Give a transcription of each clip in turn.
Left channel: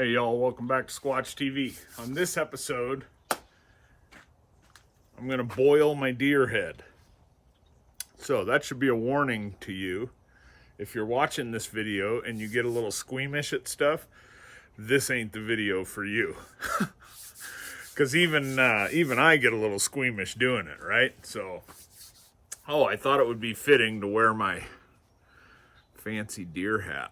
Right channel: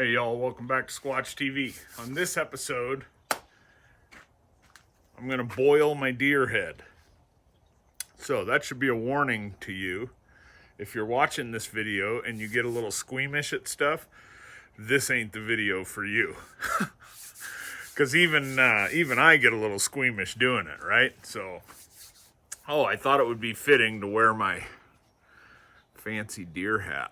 Hey y'all, welcome back to Squatch TV. On this episode, I'm gonna boil my deer head. So that should be a warning to you. If you're watching this video and you get a little squeamish at stuff, this ain't the video for you. Because even I get a little squeamish doing it, right? So, I thought it would be fitting to wear my fancy deer hat.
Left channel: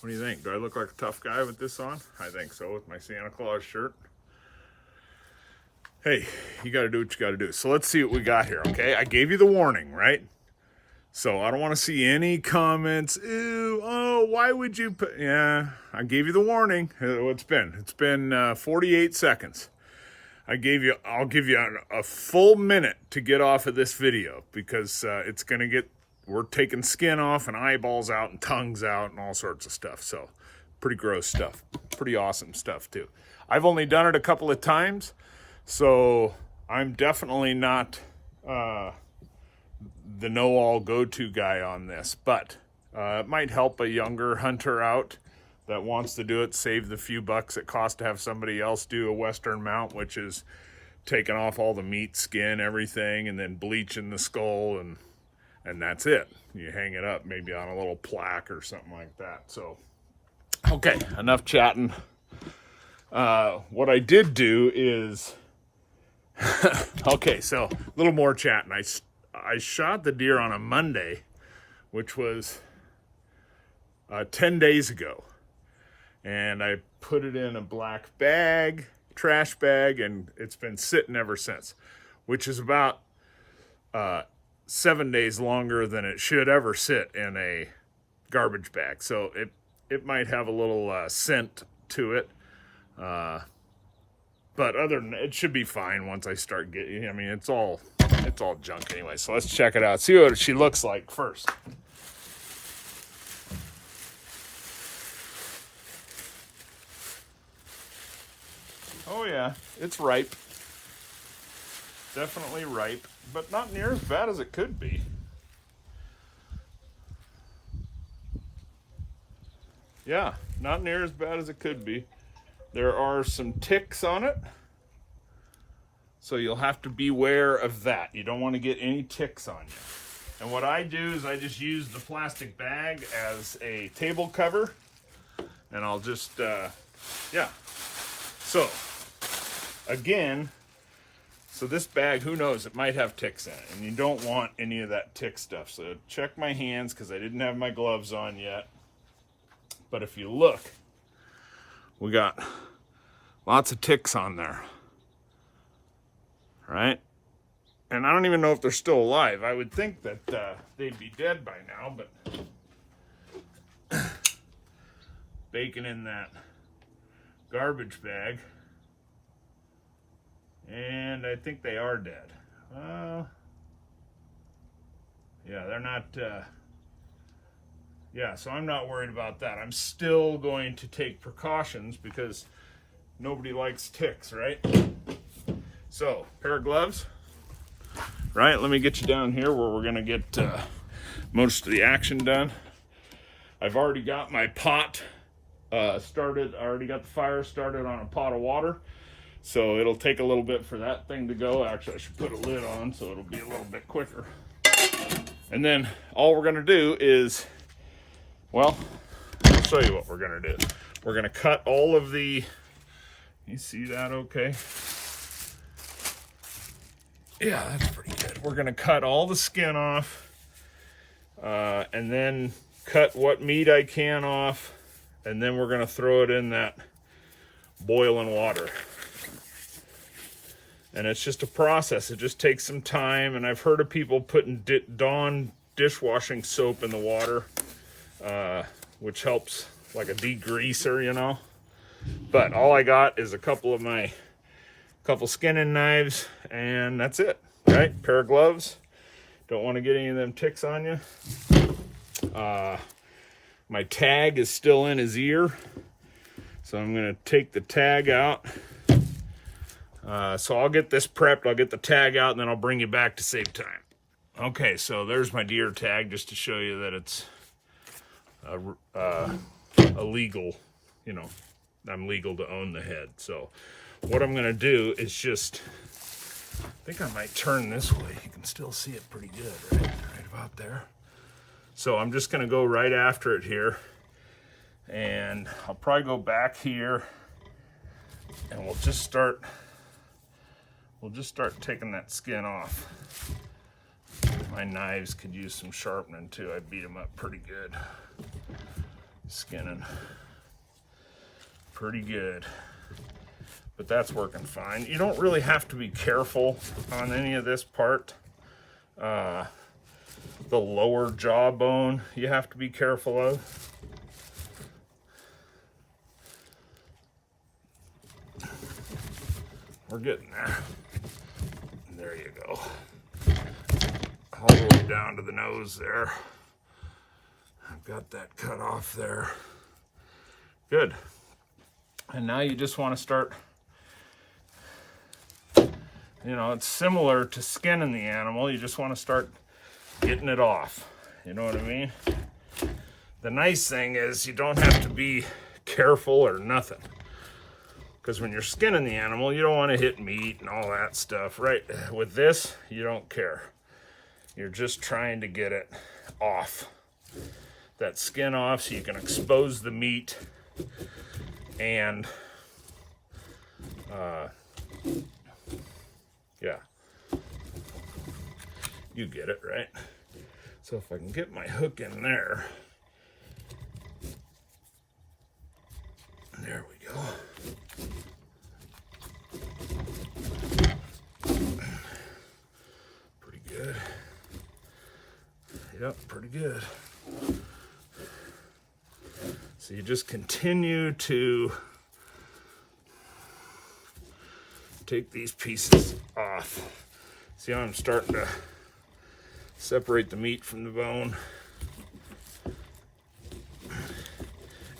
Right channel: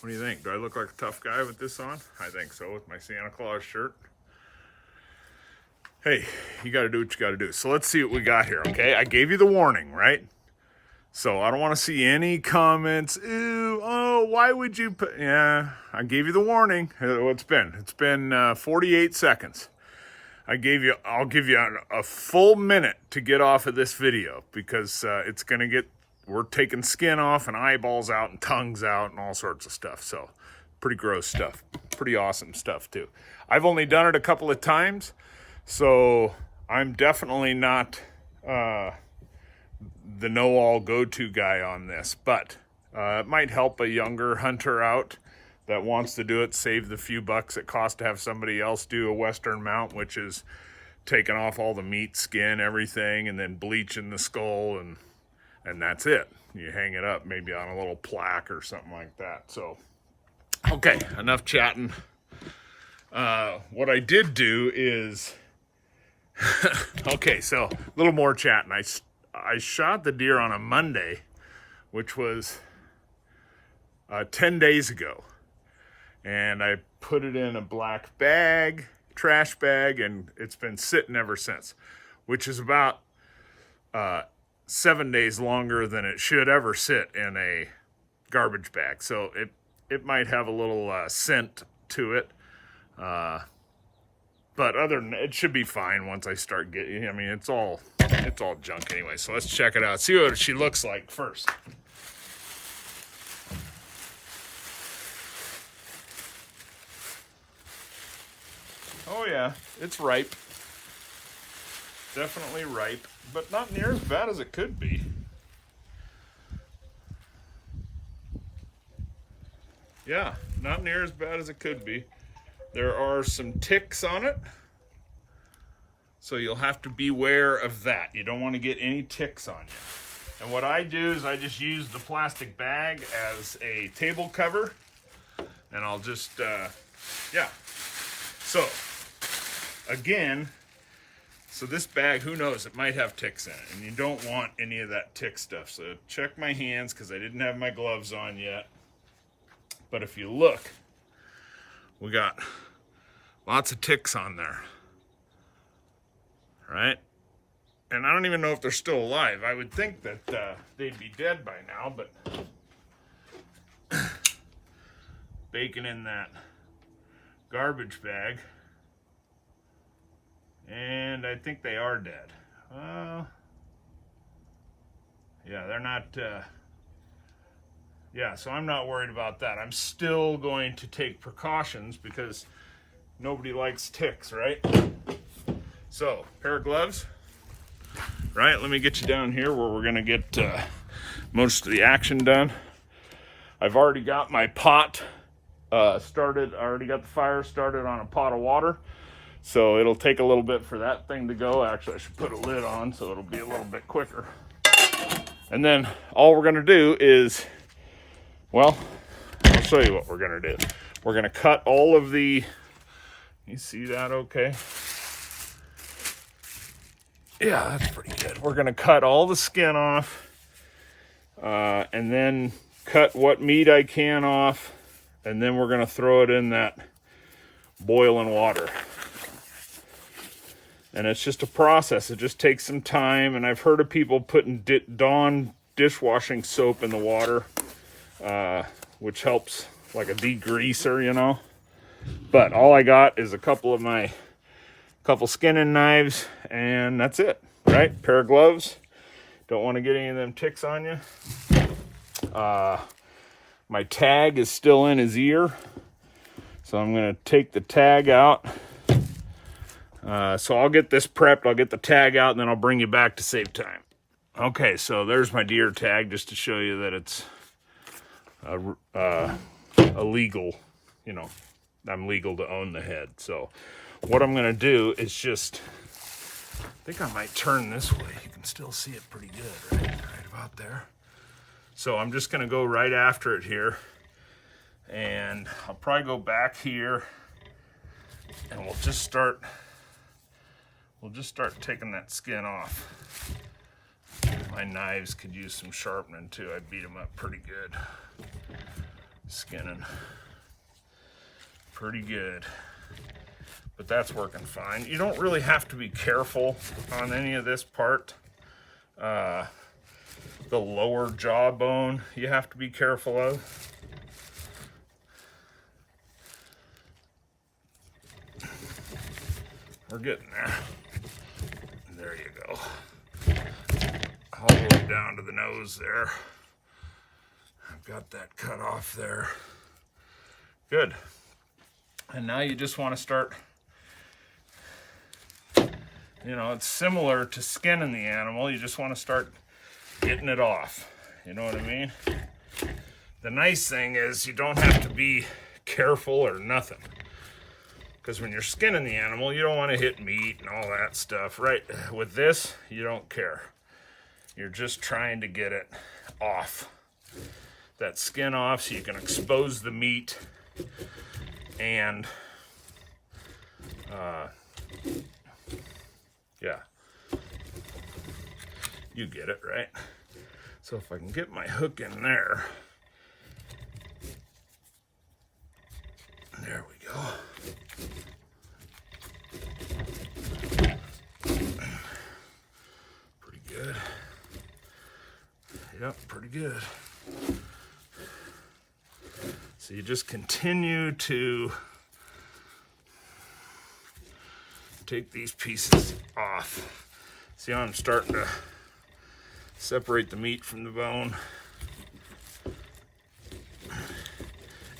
What do you think? Do I look like a tough guy with this on? I think so, with my Santa Claus shirt. Hey, you gotta do what you gotta do. So let's see what we got here, okay? I gave you the warning, right? So I don't want to see any comments. Ew, oh, why would you put... Yeah, I gave you the warning. It's been 48 seconds. I'll give you a full minute to get off of this video because it's gonna get... We're taking skin off and eyeballs out and tongues out and all sorts of stuff. So pretty gross stuff. Pretty awesome stuff too. I've only done it a couple of times, so I'm definitely not the know-all go-to guy on this. But it might help a younger hunter out that wants to do it, save the few bucks it costs to have somebody else do a Western mount, which is taking off all the meat, skin, everything, and then bleaching the skull, and that's it. You hang it up maybe on a little plaque or something like that. So, okay, enough chatting. What I did do is, okay, so a little more chatting. I shot the deer on a Monday, which was 10 days ago. And I put it in a black bag, trash bag, and it's been sitting ever since, which is about 7 days longer than it should ever sit in a garbage bag. So it might have a little scent to it. But other than it should be fine once I start getting, I mean, it's all junk anyway. So let's check it out. See what she looks like first. Oh yeah, it's ripe. Definitely ripe, but not near as bad as it could be. Yeah, not near as bad as it could be. There are some ticks on it, so you'll have to beware of that. You don't want to get any ticks on you. And what I do is I just use the plastic bag as a table cover, and I'll just, yeah. So, again, so this bag, who knows, it might have ticks in it, and you don't want any of that tick stuff. So check my hands because I didn't have my gloves on yet. But if you look, we got lots of ticks on there, right? And I don't even know if they're still alive. I would think that they'd be dead by now, but bacon in that garbage bag. And I think they are dead. Yeah, they're not, yeah, so I'm not worried about that. I'm still going to take precautions because nobody likes ticks, right? So, pair of gloves, right? Let me get you down here where we're gonna get most of the action done. I've already got my pot started. I already got the fire started on a pot of water. So it'll take a little bit for that thing to go. Actually, I should put a lid on so it'll be a little bit quicker. And then all we're gonna do is, well, I'll show you what we're gonna do. We're gonna cut all of the, you see that okay? Yeah, that's pretty good. We're gonna cut all the skin off and then cut what meat I can off, and then we're gonna throw it in that boiling water. And it's just a process. It just takes some time. And I've heard of people putting Dawn dishwashing soap in the water, which helps like a degreaser, you know. But all I got is a couple skinning knives, and that's it, right? Pair of gloves. Don't want to get any of them ticks on you. My tag is still in his ear, so I'm going to take the tag out. So I'll get this prepped, I'll get the tag out, and then I'll bring you back to save time. Okay, so there's my deer tag, just to show you that it's a legal, you know, I'm legal to own the head. So what I'm gonna do is just, I think I might turn this way. You can still see it pretty good, right about there. So I'm just gonna go right after it here, and I'll probably go back here, and we'll just start taking that skin off. My knives could use some sharpening too. I beat them up pretty good. Skinning pretty good, but that's working fine. You don't really have to be careful on any of this part. The lower jawbone you have to be careful of. We're getting there. There you go. All the way down to the nose there. I've got that cut off there. Good. And now you just want to start, you know, it's similar to skinning the animal. You just want to start getting it off. You know what I mean? The nice thing is you don't have to be careful or nothing. Because when you're skinning the animal, you don't want to hit meat and all that stuff, right? With this, you don't care. You're just trying to get it off. That skin off so you can expose the meat and yeah, you get it, right? So if I can get my hook in there, there we go. Pretty good. Yep, pretty good. So you just continue to take these pieces off. See how I'm starting to separate the meat from the bone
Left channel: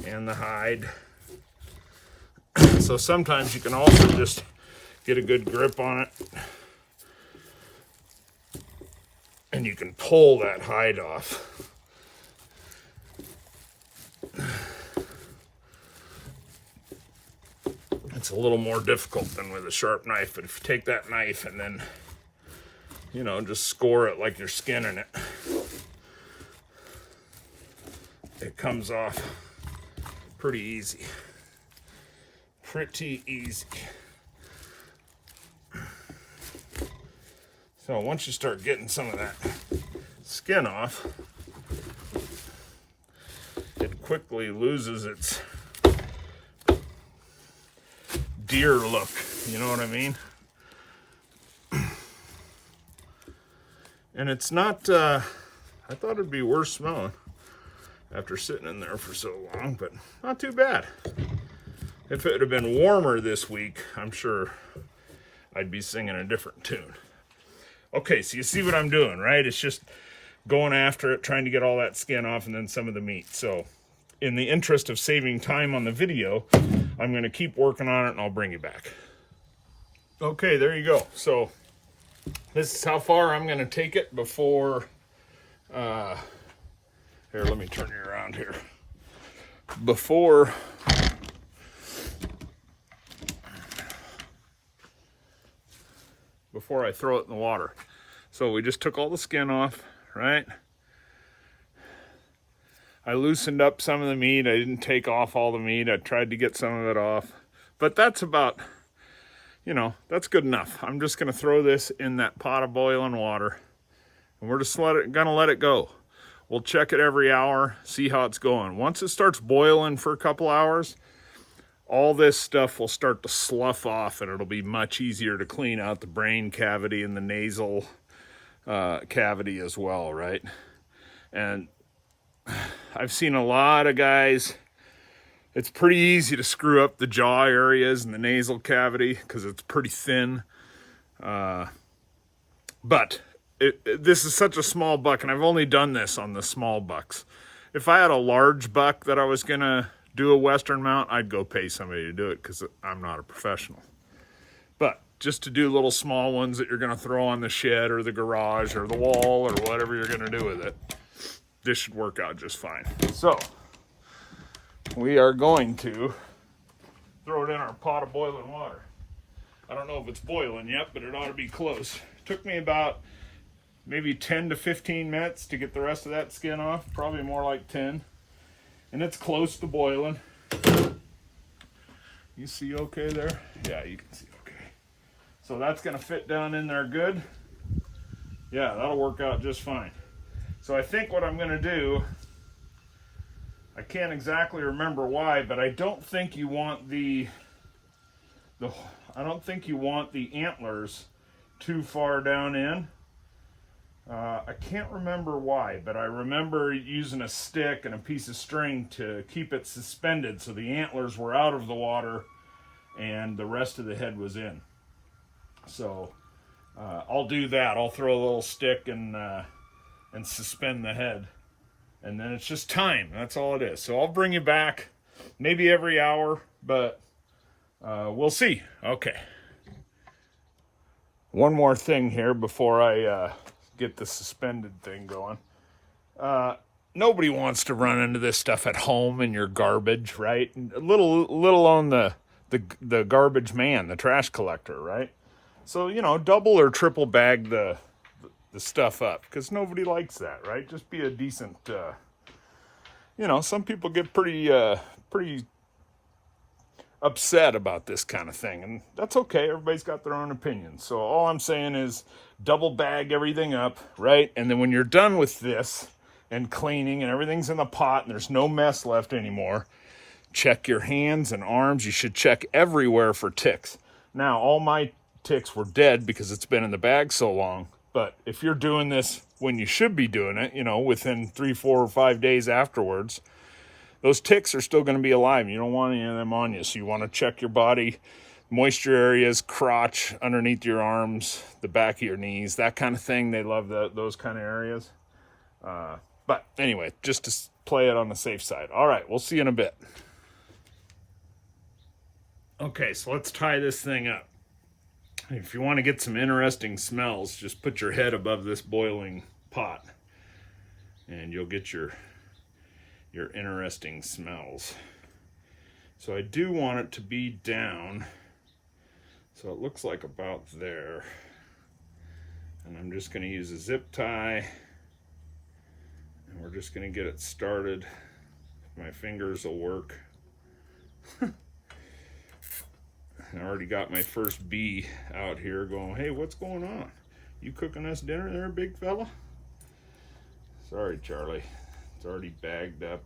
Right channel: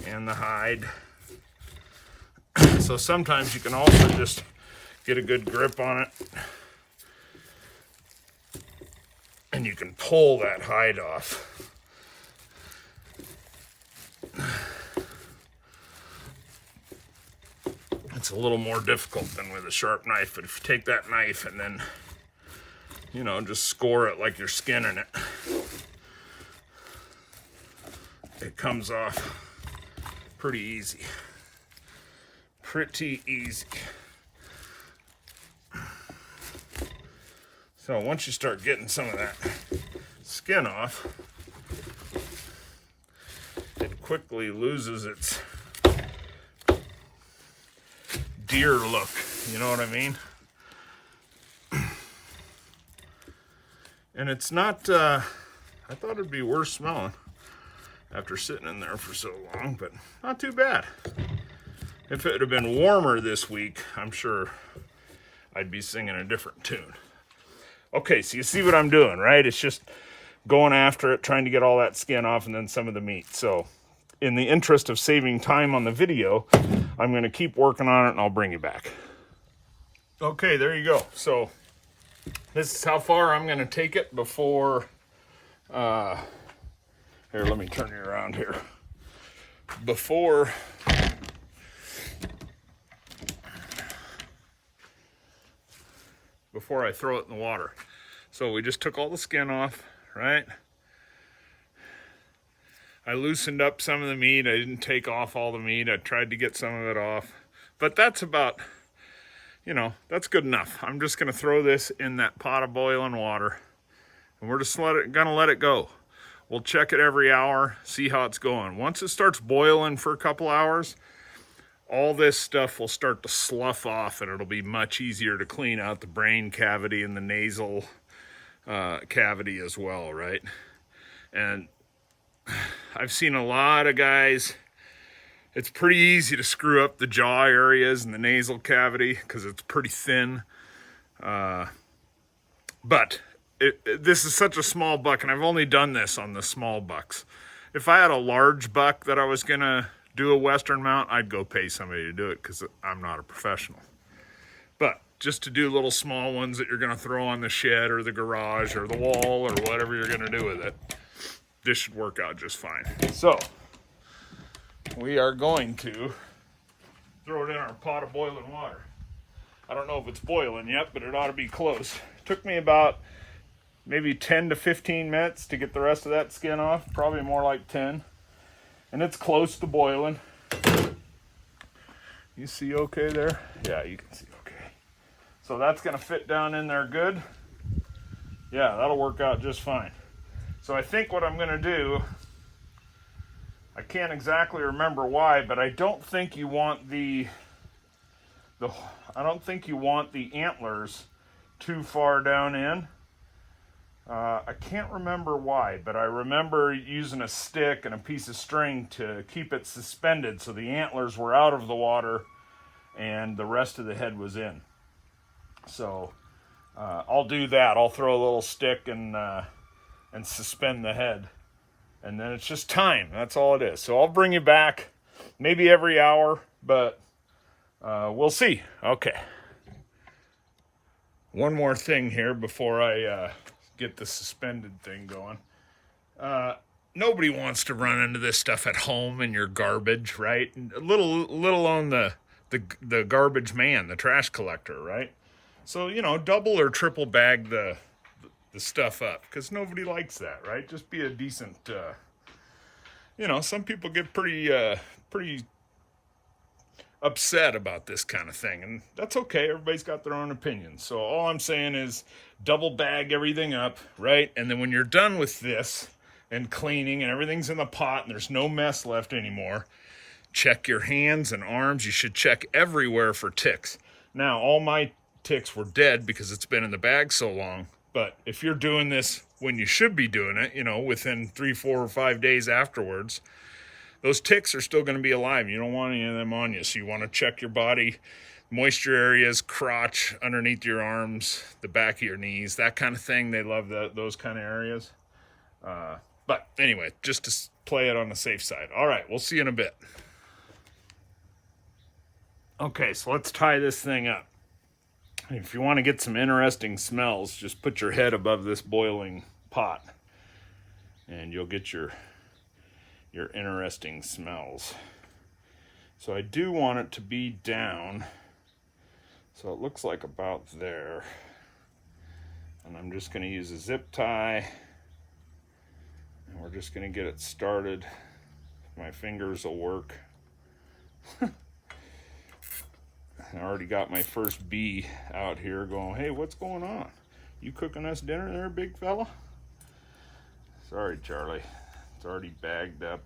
and the hide. So sometimes you can also just get a good grip on it and you can pull that hide off. It's a little more difficult than with a sharp knife, but if you take that knife and then, you know, just score it like you're skinning it, it comes off pretty easy. Pretty easy. So once you start getting some of that skin off, it quickly loses its deer look, you know what I mean? And it's not, I thought it'd be worse smelling after sitting in there for so long, but not too bad. If it had been warmer this week, I'm sure I'd be singing a different tune. Okay, so you see what I'm doing, right? It's just going after it, trying to get all that skin off and then some of the meat. So in the interest of saving time on the video, I'm going to keep working on it and I'll bring you back. Okay, there you go. So this is how far I'm going to take it before, here, let me turn you around here. Before I throw it in the water. So we just took all the skin off, right? I loosened up some of the meat. I didn't take off all the meat. I tried to get some of it off. But that's about, you know, that's good enough. I'm just going to throw this in that pot of boiling water. And we're just gonna let it go. We'll check it every hour, see how it's going. Once it starts boiling for a couple hours, all this stuff will start to slough off and it'll be much easier to clean out the brain cavity and the nasal cavity as well, right? And I've seen a lot of guys, it's pretty easy to screw up the jaw areas and the nasal cavity because it's pretty thin. But this is such a small buck, and I've only done this on the small bucks. If I had a large buck that I was gonna do a Western mount, I'd go pay somebody to do it because I'm not a professional. But just to do little small ones that you're gonna throw on the shed or the garage or the wall or whatever you're gonna do with it, this should work out just fine. So we are going to throw it in our pot of boiling water. I don't know if it's boiling yet, but it ought to be close. It took me about maybe 10 to 15 minutes to get the rest of that skin off, probably more like 10. And it's close to boiling. You see okay there? Yeah, you can see okay. So that's gonna fit down in there good. Yeah, that'll work out just fine. So I think what I'm gonna do, I can't exactly remember why, but I don't think you want the antlers too far down in. I can't remember why, but I remember using a stick and a piece of string to keep it suspended so the antlers were out of the water and the rest of the head was in. So I'll do that. I'll throw a little stick and suspend the head. And then it's just time. That's all it is. So I'll bring you back maybe every hour, but we'll see. Okay. One more thing here before I get the suspended thing going. Nobody wants to run into this stuff at home in your garbage, right? A little on the garbage man, the trash collector, right? So, you know, double or triple bag the stuff up, because nobody likes that, right? Just be a decent, you know, some people get pretty upset about this kind of thing, and that's okay. Everybody's got their own opinions. So all I'm saying is double bag everything up, right? And then when you're done with this and cleaning and everything's in the pot and there's no mess left anymore, check your hands and arms. You should check everywhere for ticks. Now, all my ticks were dead because it's been in the bag so long, but if you're doing this when you should be doing it, you know, within 3, 4, or 5 days afterwards, those ticks are still going to be alive. You don't want any of them on you. So you want to check your body, moisture areas, crotch, underneath your arms, the back of your knees, that kind of thing. They love those kind of areas. But anyway, just to play it on the safe side. All right, we'll see you in a bit. Okay, so let's tie this thing up. If you want to get some interesting smells, just put your head above this boiling pot and you'll get your interesting smells. So I do want it to be down, so it looks like about there. And I'm just going to use a zip tie, and we're just going to get it started. My fingers will work. I already got my first bee out here going, hey, what's going on? You cooking us dinner there, big fella? Sorry, Charlie. It's already bagged up.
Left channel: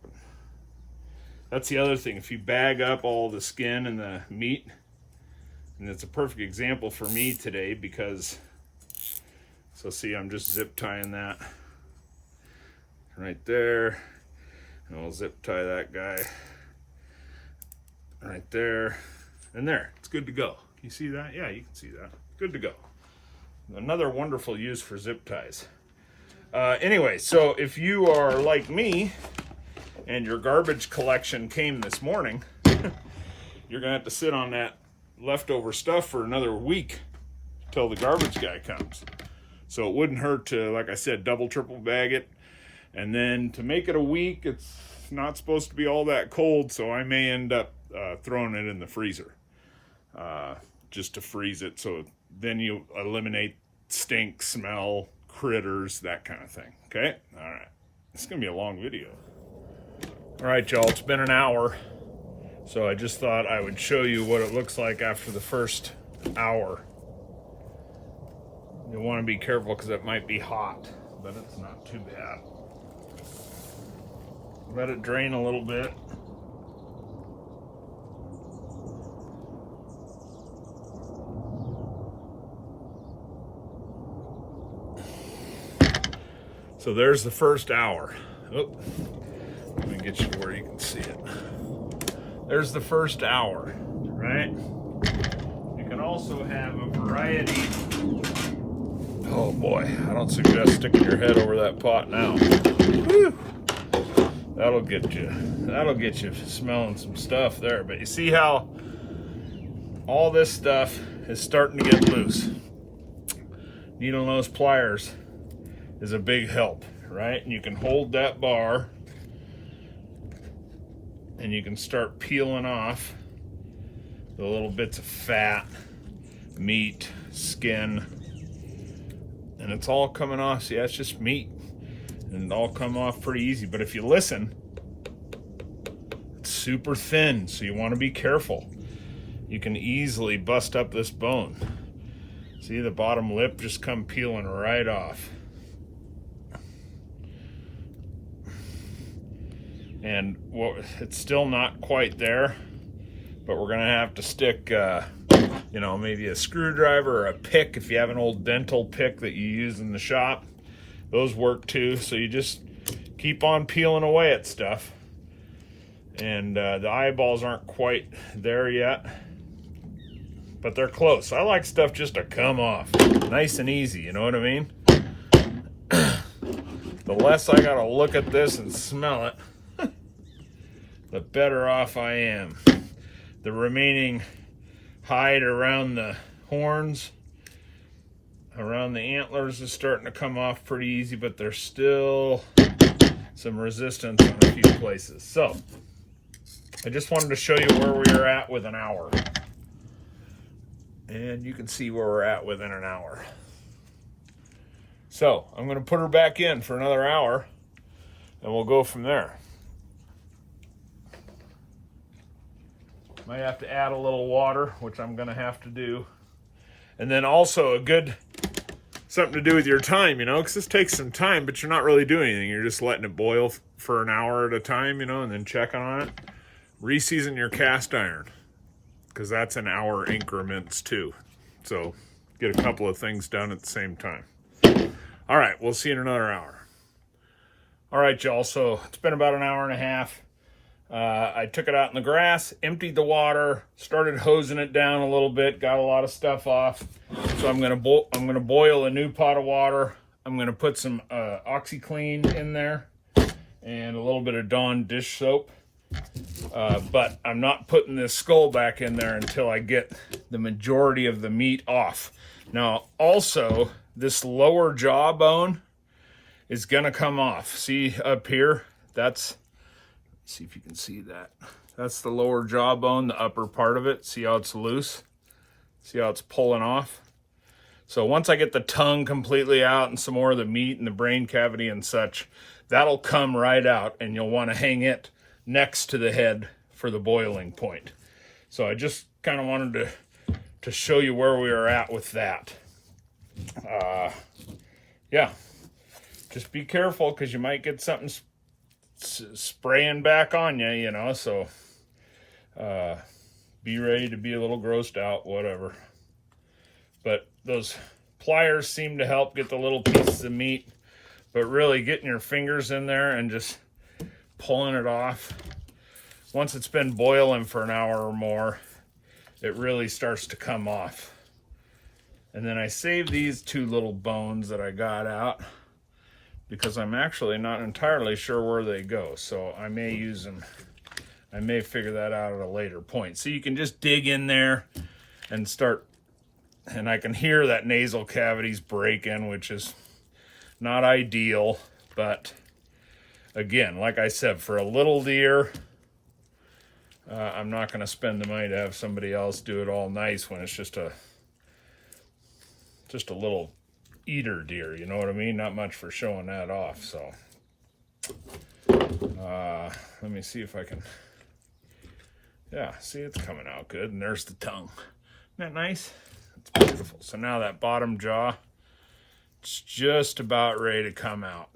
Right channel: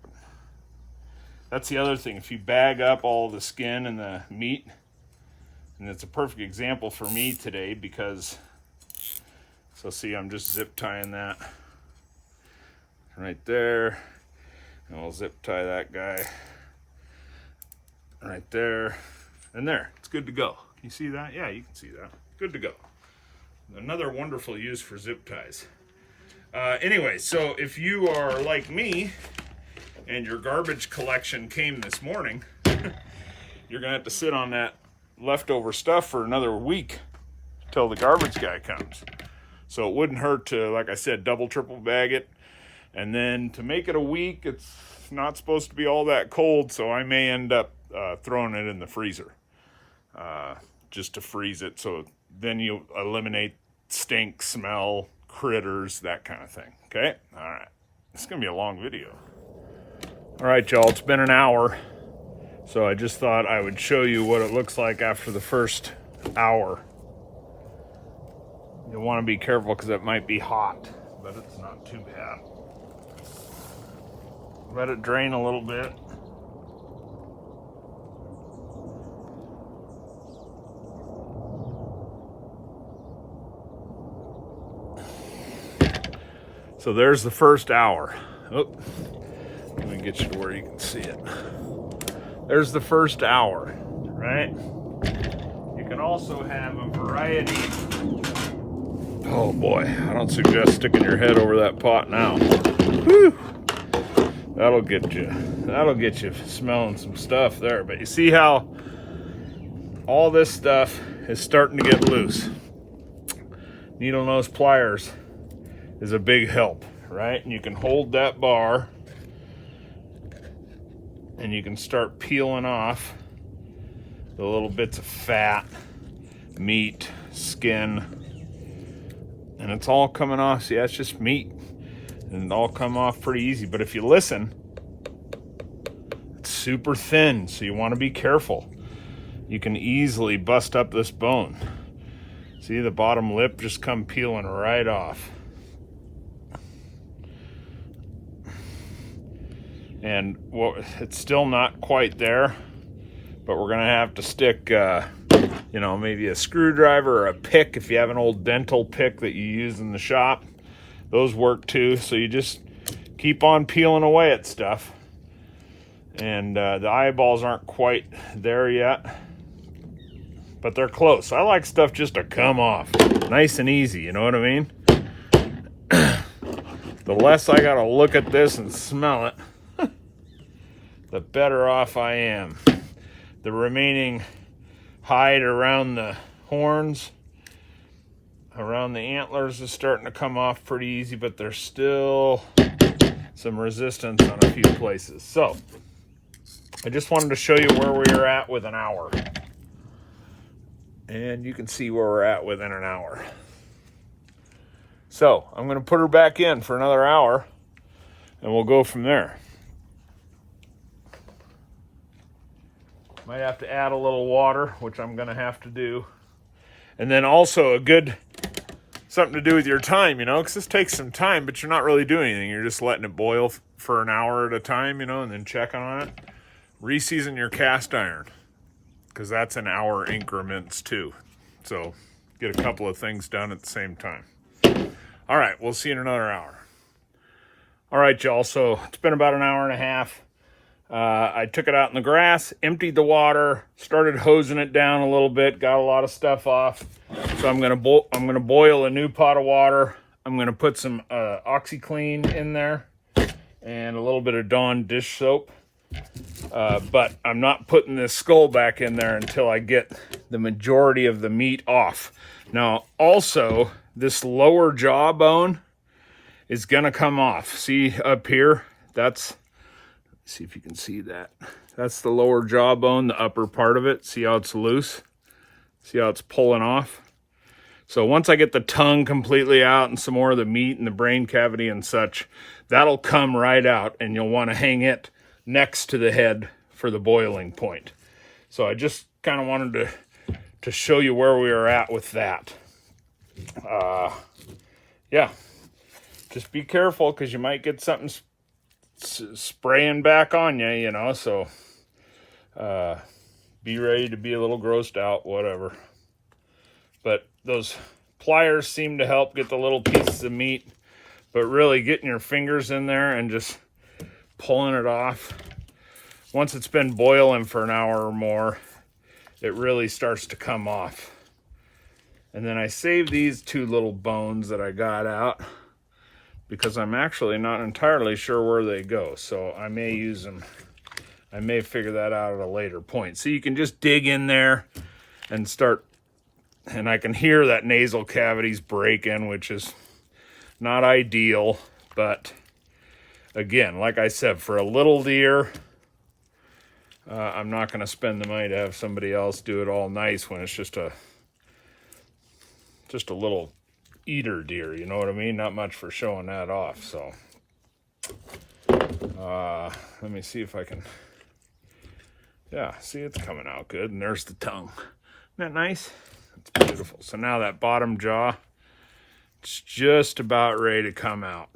That's the other thing. If you bag up all the skin and the meat, and it's a perfect example for me today because, so see, I'm just zip tying that right there. And we'll zip tie that guy right there. And there, it's good to go. Can you see that? Yeah, you can see that. Good to go. Another wonderful use for zip ties. Anyway, so if you are like me and your garbage collection came this morning, you're gonna have to sit on that leftover stuff for another week till the garbage guy comes. So it wouldn't hurt to, like I said, double, triple bag it. And then to make it a week, it's not supposed to be all that cold, so I may end up throwing it in the freezer just to freeze it. So then you eliminate stink, smell, critters, that kind of thing. Okay? All right. It's going to be a long video. All right, y'all. It's been an hour. So I just thought I would show you what it looks like after the first hour. You'll want to be careful because it might be hot, but it's not too bad. Let it drain a little bit. So there's the first hour. Oh, let me get you to where you can see it. There's the first hour, right? You can also have a variety. Oh boy, I don't suggest sticking your head over that pot now. Whew. That'll get you smelling some stuff there. But you see how all this stuff is starting to get loose. Needle nose pliers is a big help, right? And you can hold that bar and you can start peeling off the little bits of fat, meat, skin, and it's all coming off. See, that's just meat, and it all come off pretty easy. But if you listen, it's super thin, so you want to be careful. You can easily bust up this bone. See, the bottom lip just come peeling right off. And well, it's still not quite there, but we're gonna have to stick, you know, maybe a screwdriver or a pick if you have an old dental pick that you use in the shop. Those work too, so you just keep on peeling away at stuff. And the eyeballs aren't quite there yet, but they're close. I like stuff just to come off, nice and easy, you know what I mean? The less I gotta look at this and smell it, the better off I am. The remaining hide around the horns, around the antlers is starting to come off pretty easy, but there's still some resistance on a few places. So I just wanted to show you where we are at with an hour. And you can see where we're at within an hour. So I'm gonna put her back in for another hour and we'll go from there. Might have to add a little water, which I'm gonna have to do. And then also a good, something to do with your time, you know, because this takes some time, but you're not really doing anything. You're just letting it boil for an hour at a time, you know, and then checking on it. Reseason your cast iron, because that's in hour increments too. So get a couple of things done at the same time. All right, we'll see you in another hour. All right, y'all, so it's been about an hour and a half. I took it out in the grass, emptied the water, started hosing it down a little bit, got a lot of stuff off. So I'm gonna boil a new pot of water. I'm gonna put some OxiClean in there and a little bit of Dawn dish soap. But I'm not putting this skull back in there until I get the majority of the meat off. Now, also, this lower jaw bone is gonna come off. See up here? That's, see if you can see that. That's the lower jaw bone, the upper part of it. See how it's loose? See how it's pulling off? So once I get the tongue completely out and some more of the meat and the brain cavity and such, that'll come right out, and you'll want to hang it next to the head for the boiling point. So I just kind of wanted to show you where we are at with that. Yeah, just be careful because you might get something spraying back on you, you know, so be ready to be a little grossed out, whatever. But those pliers seem to help get the little pieces of meat, but really getting your fingers in there and just pulling it off. Once it's been boiling for an hour or more, it really starts to come off. And then I saved these two little bones that I got out because I'm actually not entirely sure where they go. So I may use them. I may figure that out at a later point. So you can just dig in there and start, and I can hear that nasal cavity's breaking, which is not ideal, but again, like I said, for a little deer, I'm not going to spend the money to have somebody else do it all nice when it's just a little eater deer, you know what I mean? Not much for showing that off. So let me see if I can, yeah, see, it's coming out good. And there's the tongue. Isn't that nice? It's beautiful. So now that bottom jaw, it's just about ready to come out.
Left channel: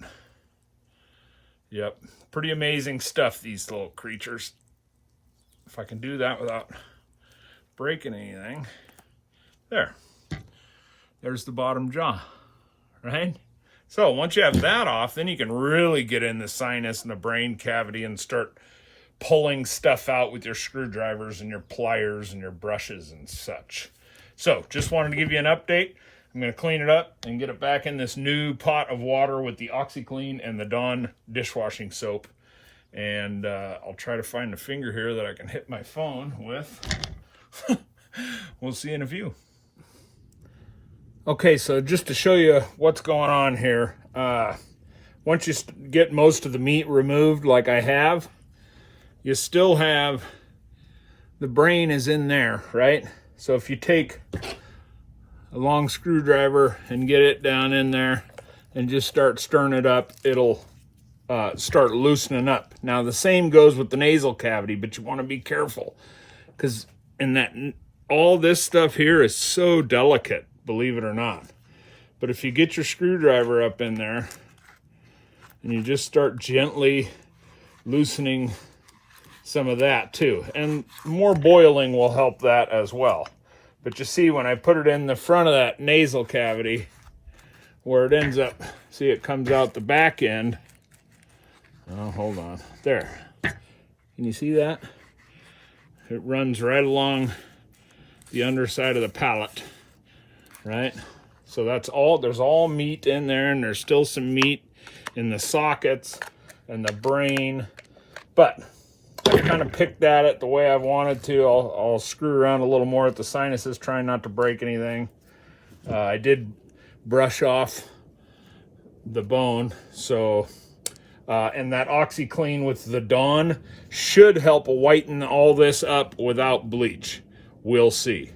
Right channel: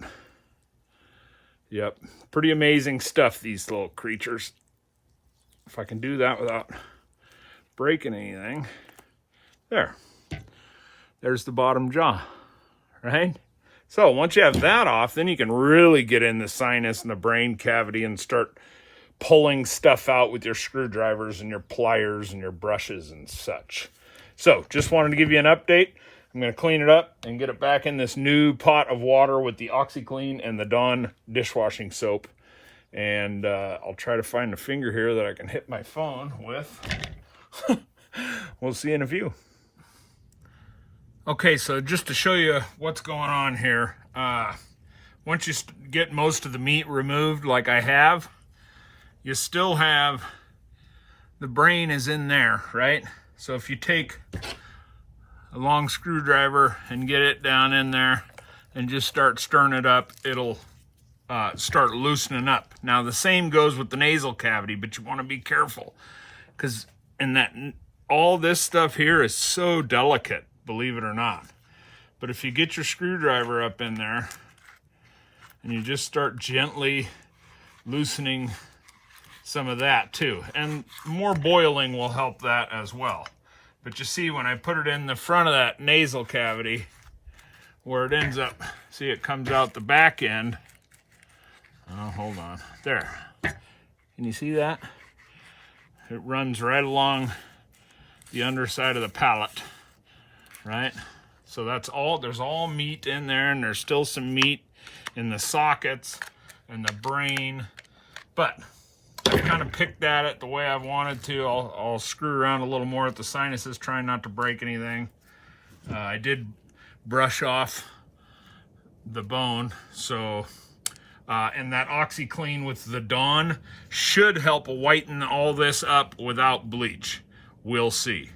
Yep, pretty amazing stuff, these little creatures. If I can do that without breaking anything. There's the bottom jaw, right? So once you have that off, then you can really get in the sinus and the brain cavity and start pulling stuff out with your screwdrivers and your pliers and your brushes and such. So just wanted to give you an update. I'm going to clean it up and get it back in this new pot of water with the OxiClean and the Dawn dishwashing soap. And I'll try to find a finger here that I can hit my phone with. We'll see in a few. Okay, so just to show you what's going on here, once you get most of the meat removed like I have, you still have the brain is in there, right? So if you take a long screwdriver and get it down in there and just start stirring it up, it'll start loosening up. Now the same goes with the nasal cavity, but you want to be careful because all this stuff here is so delicate, believe it or not. But if you get your screwdriver up in there and you just start gently loosening some of that too, and more boiling will help that as well. But you see, when I put it in the front of that nasal cavity, where it ends up, see, it comes out the back end. Oh, hold on. There. Can you see that? It runs right along the underside of the palate, right? So that's all, there's all meat in there, and there's still some meat in the sockets and the brain. But I kind of picked at it the way I've wanted to. I'll screw around a little more at the sinuses, trying not to break anything. I did brush off the bone, so and that OxyClean with the Dawn should help whiten all this up without bleach. We'll see.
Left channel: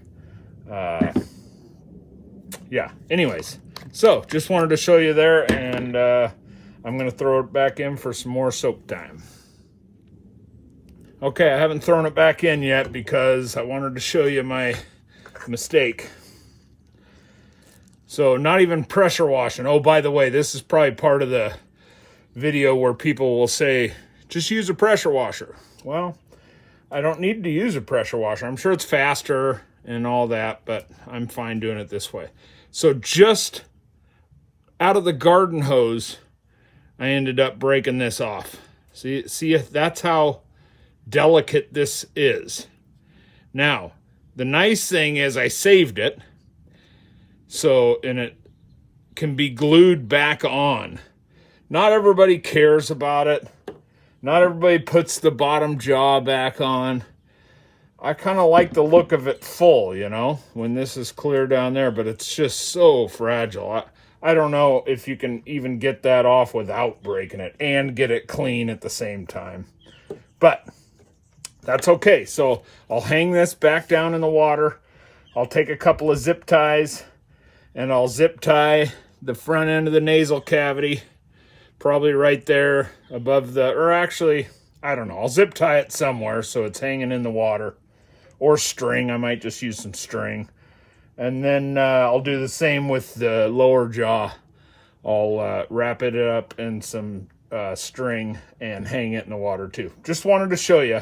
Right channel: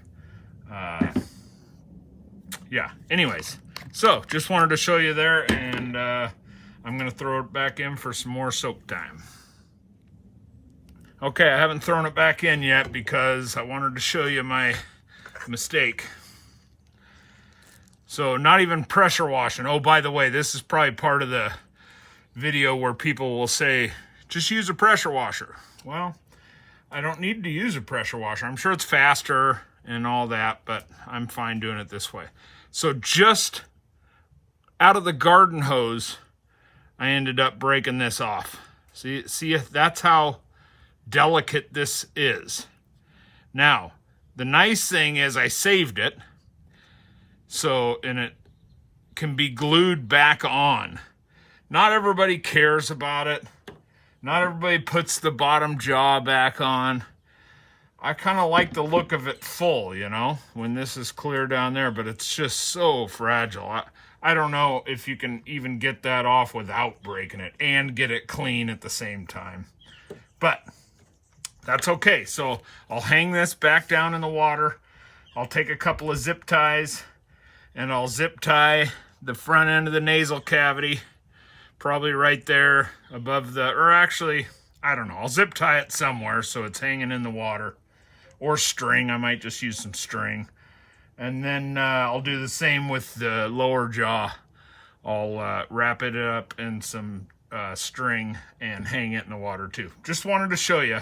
Yeah, anyways, so just wanted to show you there, and I'm gonna throw it back in for some more soak time. Okay, I haven't thrown it back in yet because I wanted to show you my mistake. So not even pressure washing. Oh, by the way, this is probably part of the video where people will say, just use a pressure washer. Well, I don't need to use a pressure washer. I'm sure it's faster and all that, but I'm fine doing it this way. So just out of the garden hose, I ended up breaking this off. See, that's how delicate this is. Now, the nice thing is I saved it, so, and it can be glued back on. Not everybody cares about it. Not everybody puts the bottom jaw back on. I kind of like the look of it full, you know, when this is clear down there, but it's just so fragile. I don't know if you can even get that off without breaking it and get it clean at the same time. But that's okay. So I'll hang this back down in the water. I'll take a couple of zip ties and I'll zip tie the front end of the nasal cavity, probably right there above the, or actually, I don't know, I'll zip tie it somewhere so it's hanging in the water, or string. I might just use some string. And then I'll do the same with the lower jaw. I'll wrap it up in some string and hang it in the water too. Just wanted to show you.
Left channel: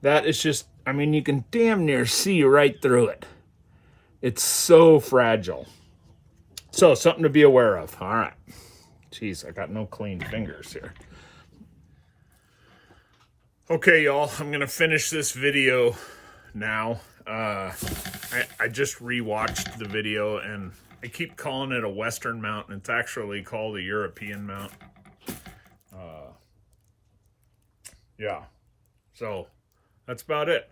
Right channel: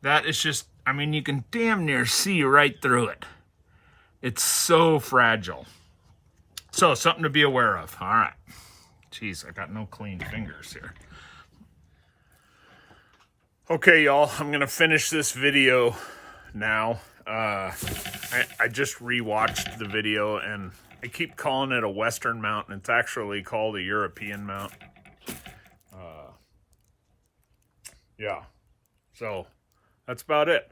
That is just, I mean, you can damn near see right through it. It's so fragile. So something to be aware of. All right. Jeez, I got no clean fingers here. Okay, y'all, I'm going to finish this video now. I just rewatched the video, and I keep calling it a Western mount, and it's actually called a European mount. Yeah, so that's about it.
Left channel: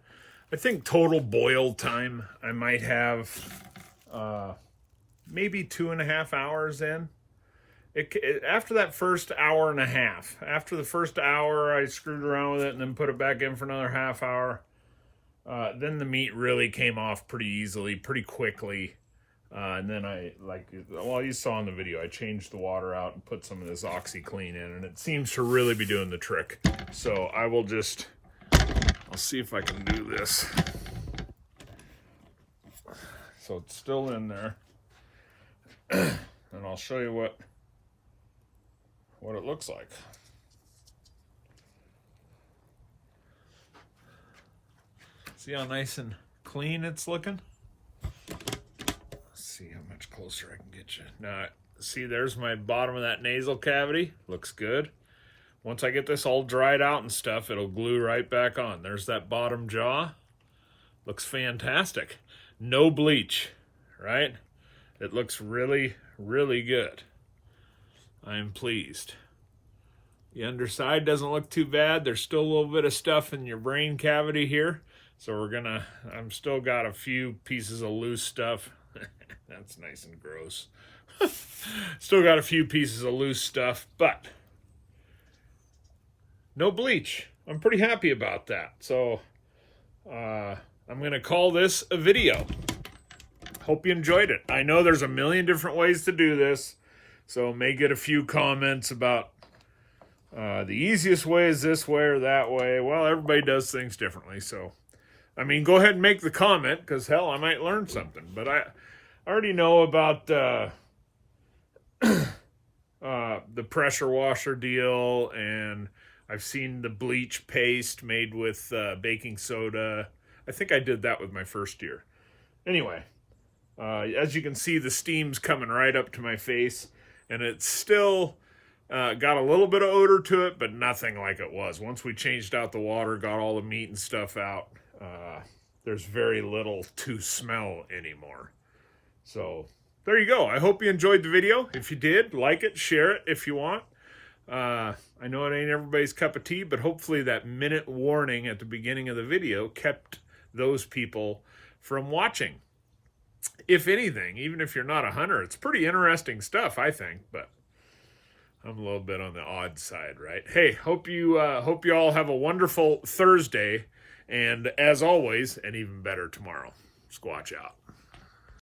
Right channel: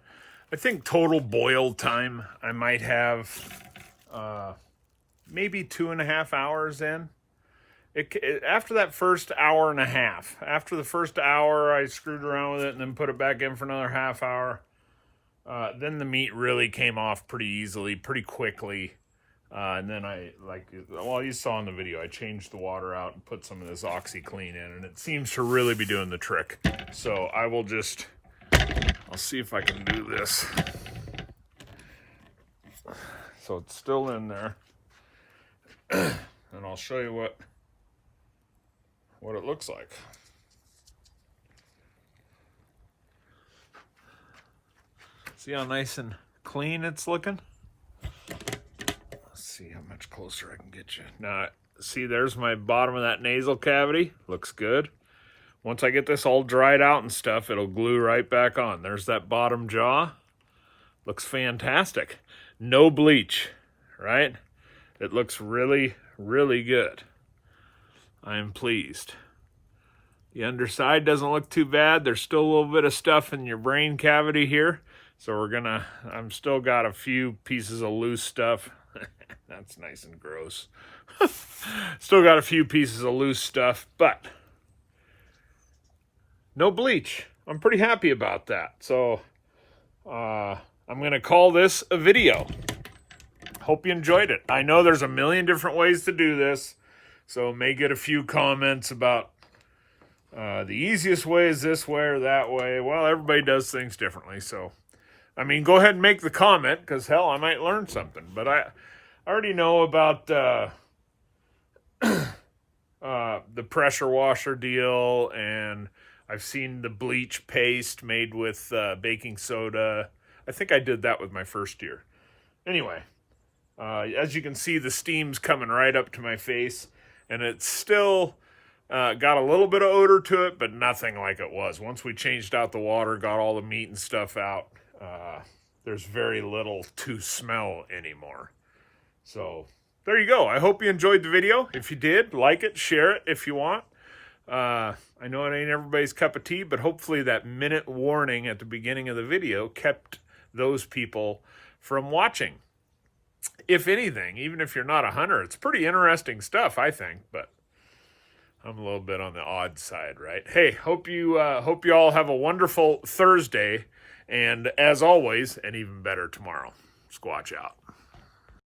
I think total boil time, I might have maybe 2.5 hours in. After that first hour and a half, after the first hour, I screwed around with it and then put it back in for another half hour. Then the meat really came off pretty easily, pretty quickly. And then well, you saw in the video, I changed the water out and put some of this OxyClean in, and it seems to really be doing the trick. So I will just, I'll see if I can do this. So it's still in there. And I'll show you what it looks like. See how nice and clean it's looking? Let's see how much closer I can get you. Now, see, there's my bottom of that nasal cavity. Looks good. Once I get this all dried out and stuff, it'll glue right back on. There's that bottom jaw. Looks fantastic. No bleach, right? It looks really, really good. I'm pleased. The underside doesn't look too bad. There's still a little bit of stuff in your brain cavity here. So I'm still got a few pieces of loose stuff. That's nice and gross. Still got a few pieces of loose stuff, but no bleach. I'm pretty happy about that. So I'm going to call this a video. Hope you enjoyed it. I know there's a million different ways to do this, so may get a few comments about the easiest way is this way or that way. Well, everybody does things differently, so I mean, go ahead and make the comment, because hell, I might learn something. But I already know about the pressure washer deal, and I've seen the bleach paste made with baking soda. I think I did that with my first year. Anyway, as you can see, the steam's coming right up to my face, and it's still got a little bit of odor to it, but nothing like it was. Once we changed out the water, got all the meat and stuff out, there's very little to smell anymore. So there you go. I hope you enjoyed the video. If you did, like it, share it if you want. I know it ain't everybody's cup of tea, but hopefully that minute warning at the beginning of the video kept those people from watching. If anything, even if you're not a hunter, it's pretty interesting stuff, I think, but I'm a little bit on the odd side, right? Hey, hope you all have a wonderful Thursday, and as always, an even better tomorrow. Squatch out.